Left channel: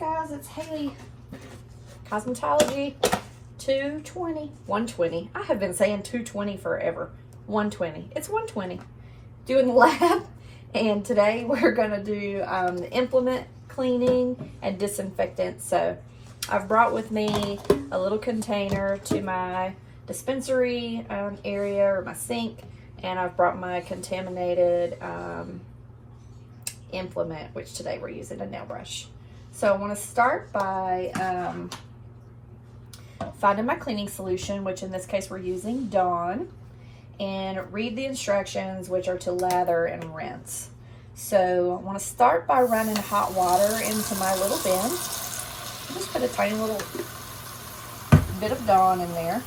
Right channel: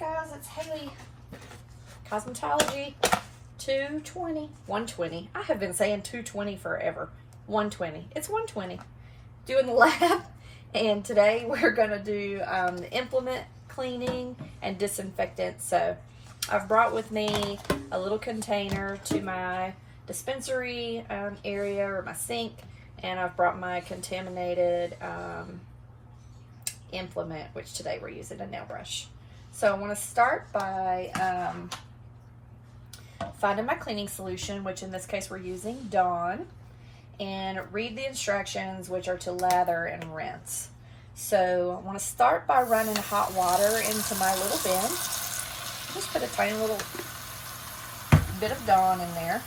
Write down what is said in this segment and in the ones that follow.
right, guys, it's Haley. Cosmetology 220. 120. I have been saying 220 forever. 120. It's 120. Doing the lab. And today we're going to do the implement cleaning and disinfectant. So I've brought with me a little container to my dispensary area or my sink. And I've brought my contaminated implement, which today we're using a nail brush. So I want to start by finding my cleaning solution, which in this case we're using Dawn, and read the instructions, which are to lather and rinse. So I want to start by running hot water into my little bin. Just put a tiny little bit of Dawn in there.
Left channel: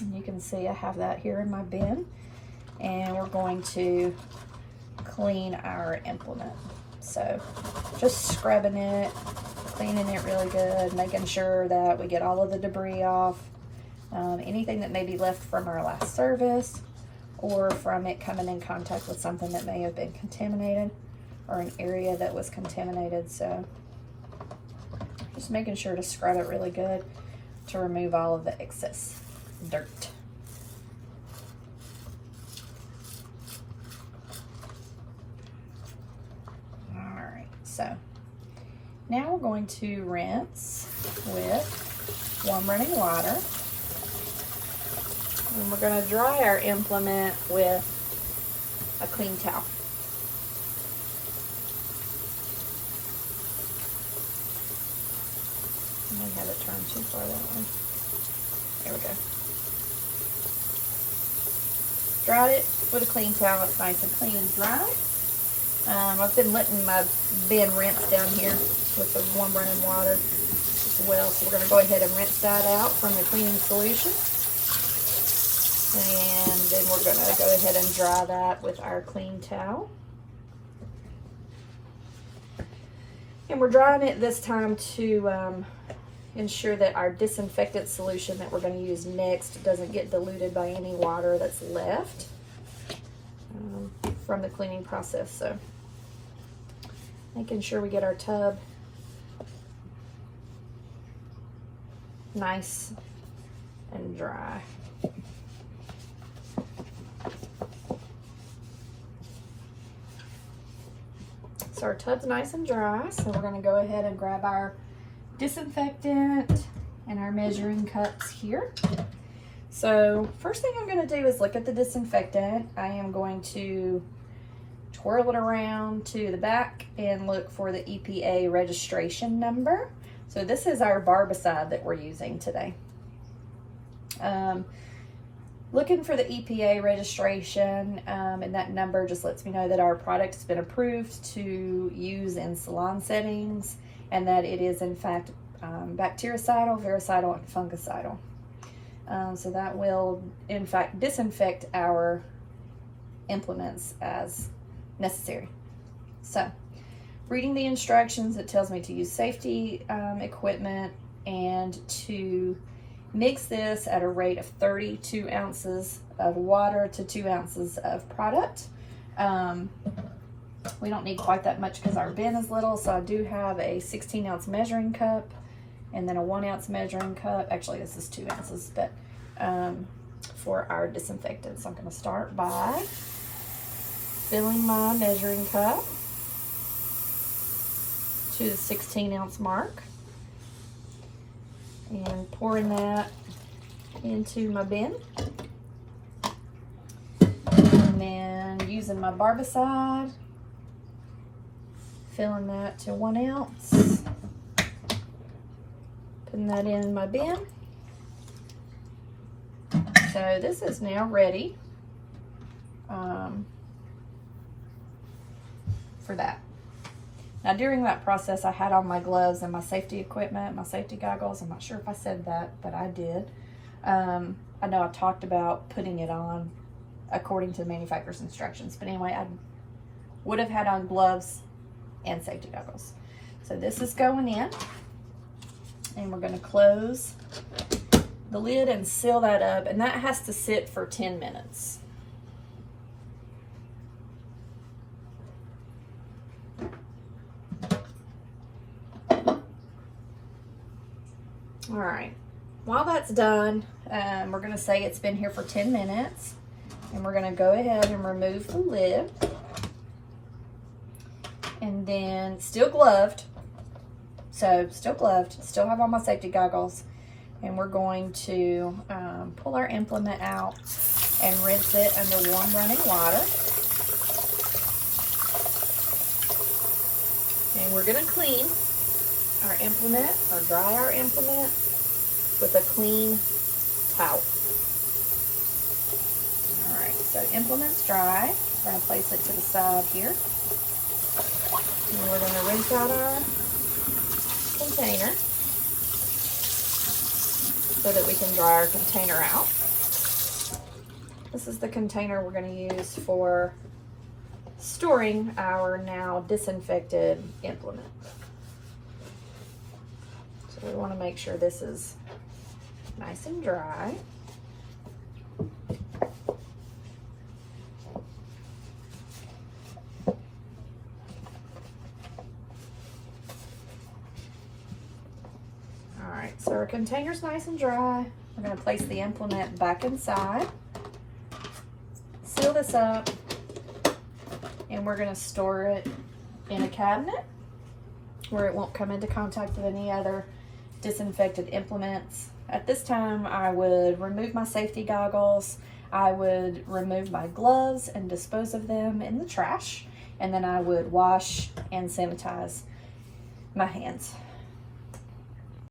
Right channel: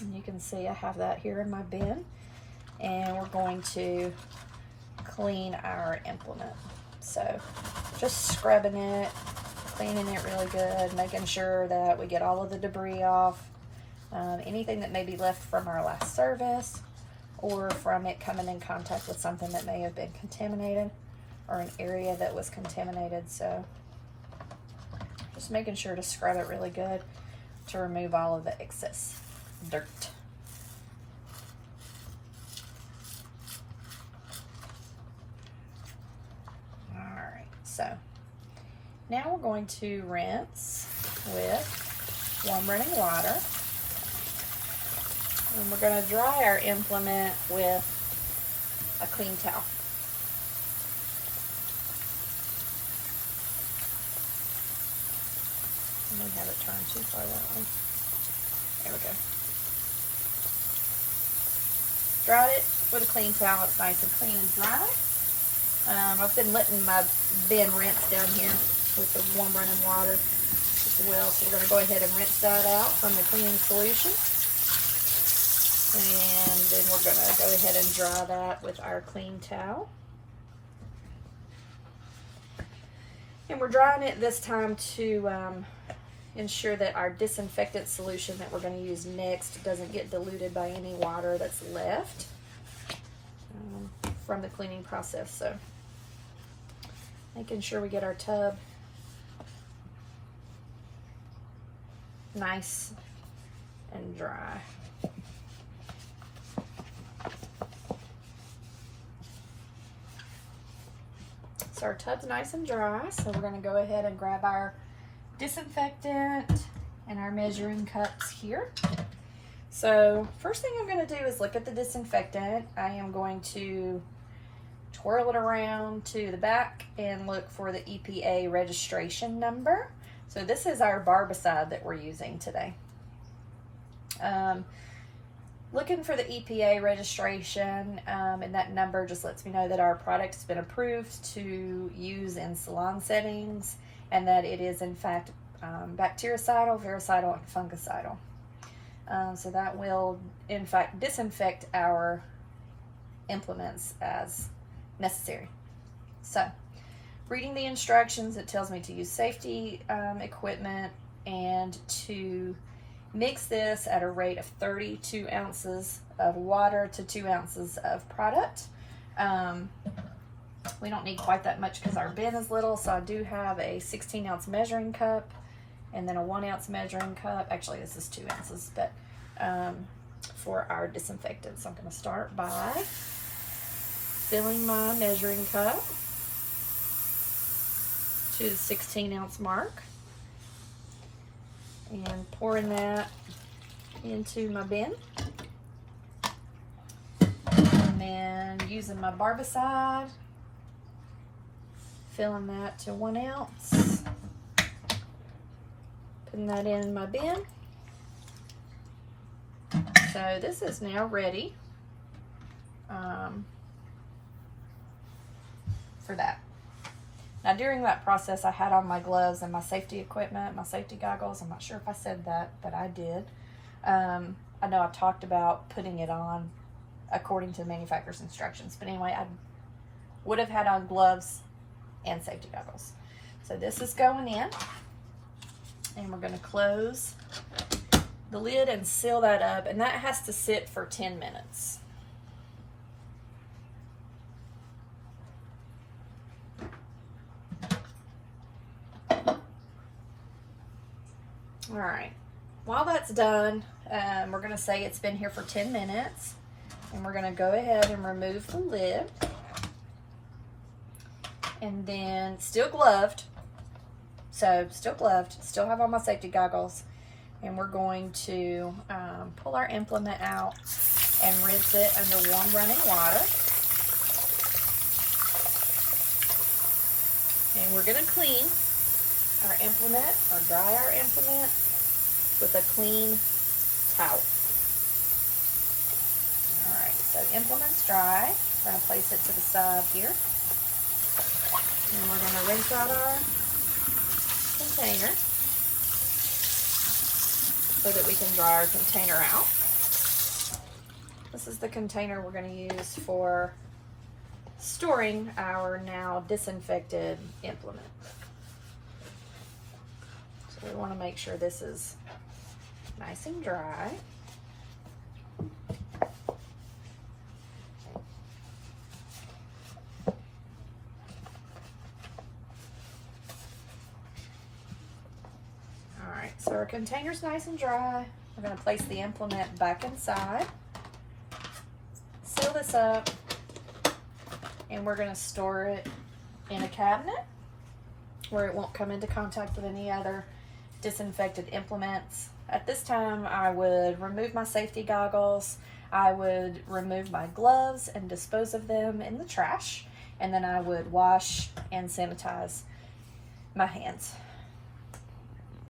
And you can see I have that here in my bin. And we're going to clean our implement. So just scrubbing it, cleaning it really good, making sure that we get all of the debris off, anything that may be left from our last service or from it coming in contact with something that may have been contaminated or an area that was contaminated. So just making sure to scrub it really good to remove all of the excess dirt. So now we're going to rinse with warm running water. And we're going to dry our implement with a clean towel. I might have it turned too far that way. There we go. Dried it with a clean towel. It's nice and clean and dry. I've been letting my bin rinse down here with the warm running water as well. So we're going to go ahead and rinse that out from the cleaning solution. And then we're going to go ahead and dry that with our clean towel. And we're drying it this time to ensure that our disinfectant solution that we're going to use next doesn't get diluted by any water that's left from the cleaning process. So making sure we get our tub nice and dry. So our tub's nice and dry, so we're going to go ahead and grab our disinfectant and our measuring cups here. So first thing I'm going to do is look at the disinfectant. I am going to twirl it around to the back and look for the EPA registration number. So this is our barbicide that we're using today. Looking for the EPA registration, and that number just lets me know that our product has been approved to use in salon settings and that it is in fact bactericidal, virucidal, and fungicidal. So that will in fact disinfect our implements as necessary. So reading the instructions, it tells me to use safety equipment and to mix this at a rate of 32 ounces of water to 2 ounces of product. We don't need quite that much because our bin is little, so I do have a 16-ounce measuring cup and then a 1-ounce measuring cup. Actually, this is 2 ounces, but for our disinfectant. So I'm going to start by filling my measuring cup to the 16-ounce mark and pouring that into my bin. And then using my barbicide, filling that to 1 ounce, putting that in my bin. So this is now ready for that. Now during that process, I had on my gloves and my safety equipment, my safety goggles. I'm not sure if I said that, but I did. I know I talked about putting it on according to the manufacturer's instructions, but anyway, I would have had on gloves and safety goggles. So this is going in, and we're going to close the lid and seal that up, and that has to sit for 10 minutes. All right, while that's done, we're gonna say it's been here for 10 minutes, and we're gonna go ahead and remove the lid. And then still gloved, so still gloved, still have all my safety goggles, and we're going to pull our implement out and rinse it under warm running water. And we're gonna clean our implement, or dry our implement with a clean towel. All right, so implement's dry. We're gonna place it to the side here. And we're going to rinse out our container so that we can dry our container out. This is the container we're going to use for storing our now disinfected implement. So we want to make sure this is nice and dry. So our container's nice and dry. We're going to place the implement back inside, seal this up, and we're going to store it in a cabinet where it won't come into contact with any other disinfected implements. At this time, I would remove my safety goggles, I would remove my gloves and dispose of them in the trash, and then I would wash and sanitize my hands.